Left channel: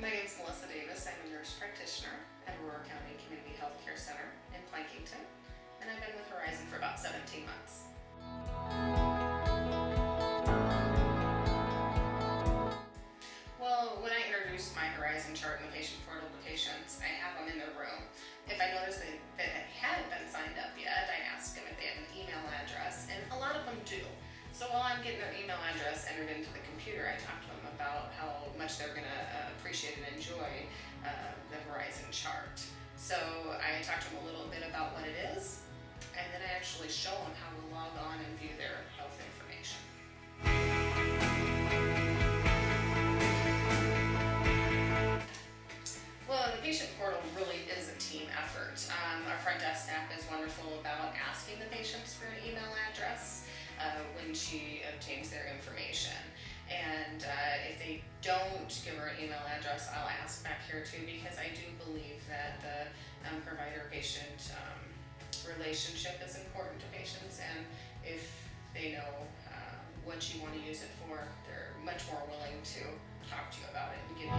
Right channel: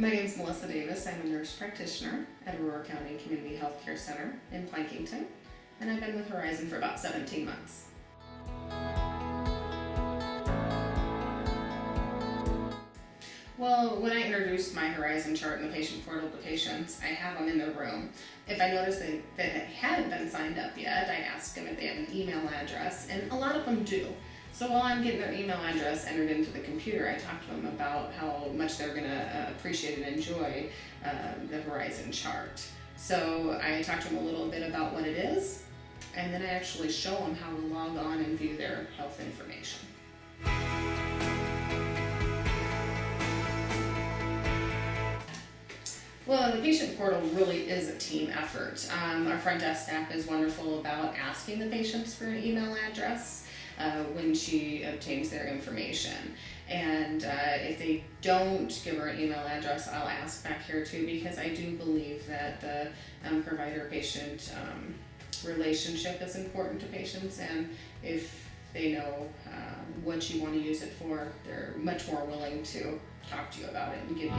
My name is Melissa Davis. I'm a nurse practitioner at Aurora County Community Health Care Center in Plankington, and I've been with Horizon for about 17 months. Well, when I introduce my Horizon chart and the patient portal to patients, I have them in their room. If I notice that they haven't been signed up yet, I ask them if they have an email address, and a lot of them do. So while I'm getting their email address entered into the computer, I talk to them about how much they're going to appreciate and enjoy the Horizon chart. So I talk to them a little bit about what it is, and then I actually show them how to log on and view their health information. Well, the patient portal really is a team effort. Our front desk staff is wonderful about asking the patients for an email address when she obtains their information. And if they don't give her an email address, I'll ask back here too, because I do believe that the provider-patient relationship is important to patients, and if they know what you want to use it for, they're much more willing to talk to you about it and give you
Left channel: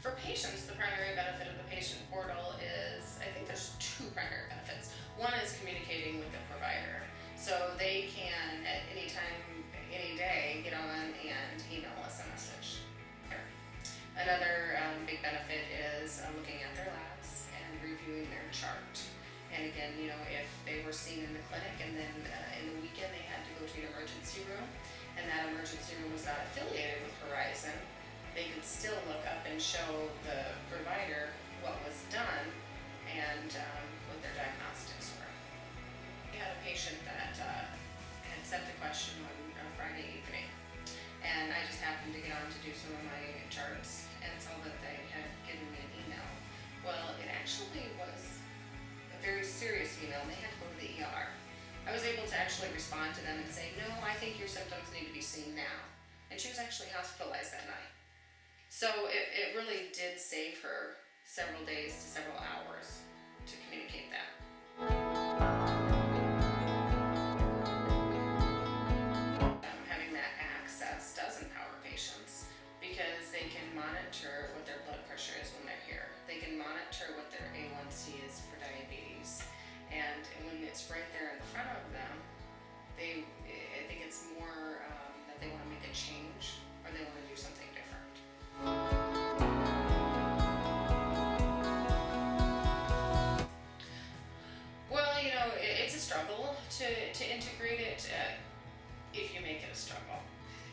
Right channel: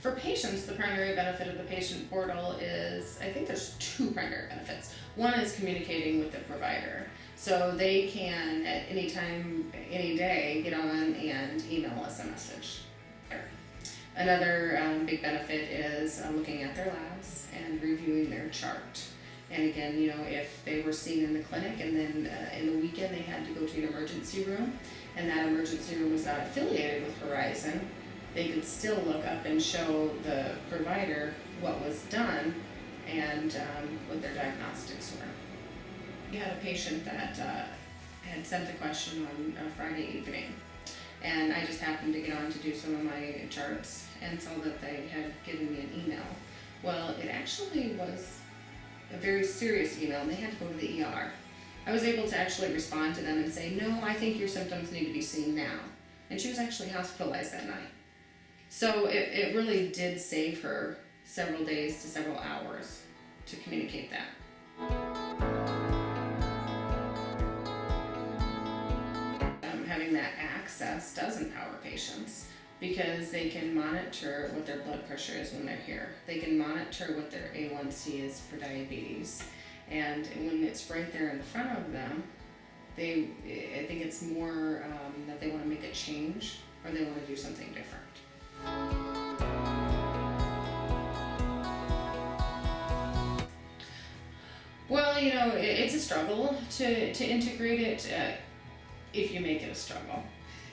For patients, the primary benefit of the patient portal is, I think there's two primary benefits. One is communicating with the provider. So they can, at any time, any day, get on and email us a message. Another big benefit is looking at their labs and reviewing their chart. And again, if they were seen in the clinic and then in the weekend they had to go to an emergency room, and that emergency room was not affiliated with Horizon, they could still look up and show the provider what was done and what their diagnostics were. We had a patient that had sent a question on Friday evening, and I just happened to get on to do some of my charts and saw that they had given me an email. Well, it actually was a very serious email, and they had to go to the ER. I was able to actually respond to them and say, no, I think your symptoms need to be seen now. And she was actually hospitalized that night. So it really did save her several days to several hours to communicate that. Having that access does empower patients because they can monitor what their blood pressure is when they're here. They can monitor what their A1C is for diabetes. And when it's right there in front of them, I think it's more that they want to make a change or they want to do something different. Well, it's a struggle to integrate it if you make it a struggle.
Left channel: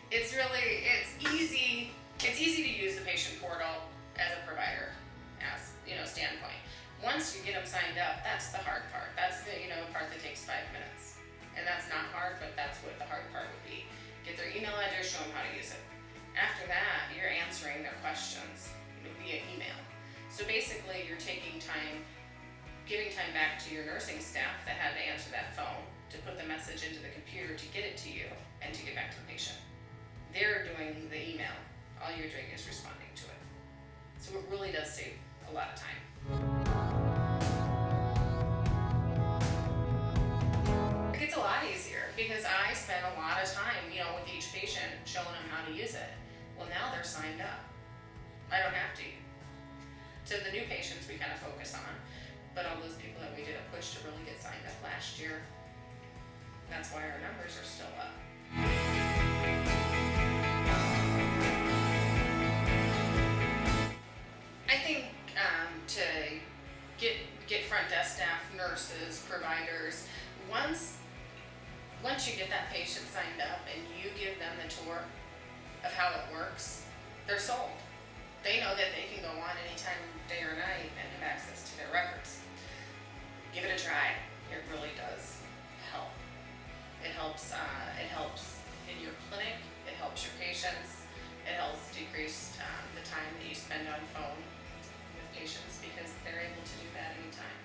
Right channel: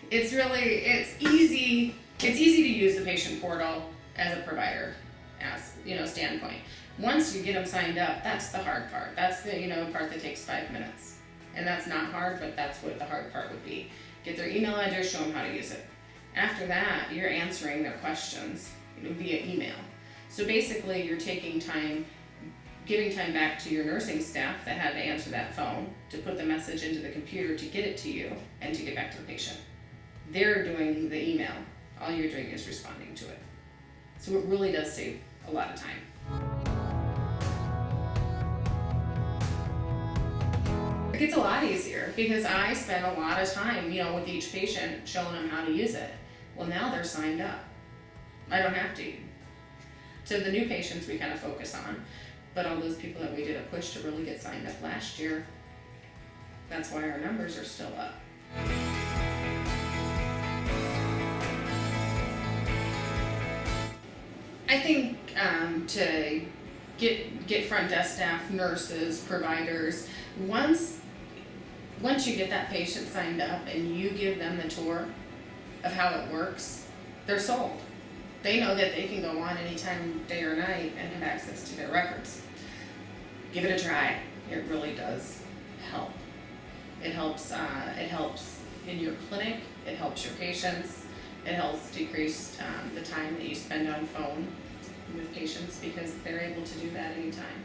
It's easy to use the patient portal as a provider standpoint. Once you get them signed up, that's the hard part. That's the part that takes 5 minutes. And that's not hard, but that's what the hard part would be. Get their email address, show them how to use it. After that, you're answering their questions via email. So basically, you're taking time, giving time back to your nursing staff that had to answer that phone, to put the message into the computer to get it to you, and to get back to the patient. They're doing the email. All you're doing is responding to it. So it really does save a lot of time. It gets a lot easier because I spend a lot of time, with each patient showing them how to use it. Well, now they're signed up. I don't have to. So the new patients we kind of focus on, but all those people that we did a push to really get signed up last year, that's why our numbers are still up. I think to get front desk staff, nurses, providers, once you get that patient signed up and you give them the tour of how it works, they're sold. They know that they can go on anytime, day or night, and have access to their records. Give it a try. It really does help. It helps in your clinic. It helps your patients. It helps decrease the time that you spend on phone with patients because they're able to do that anytime.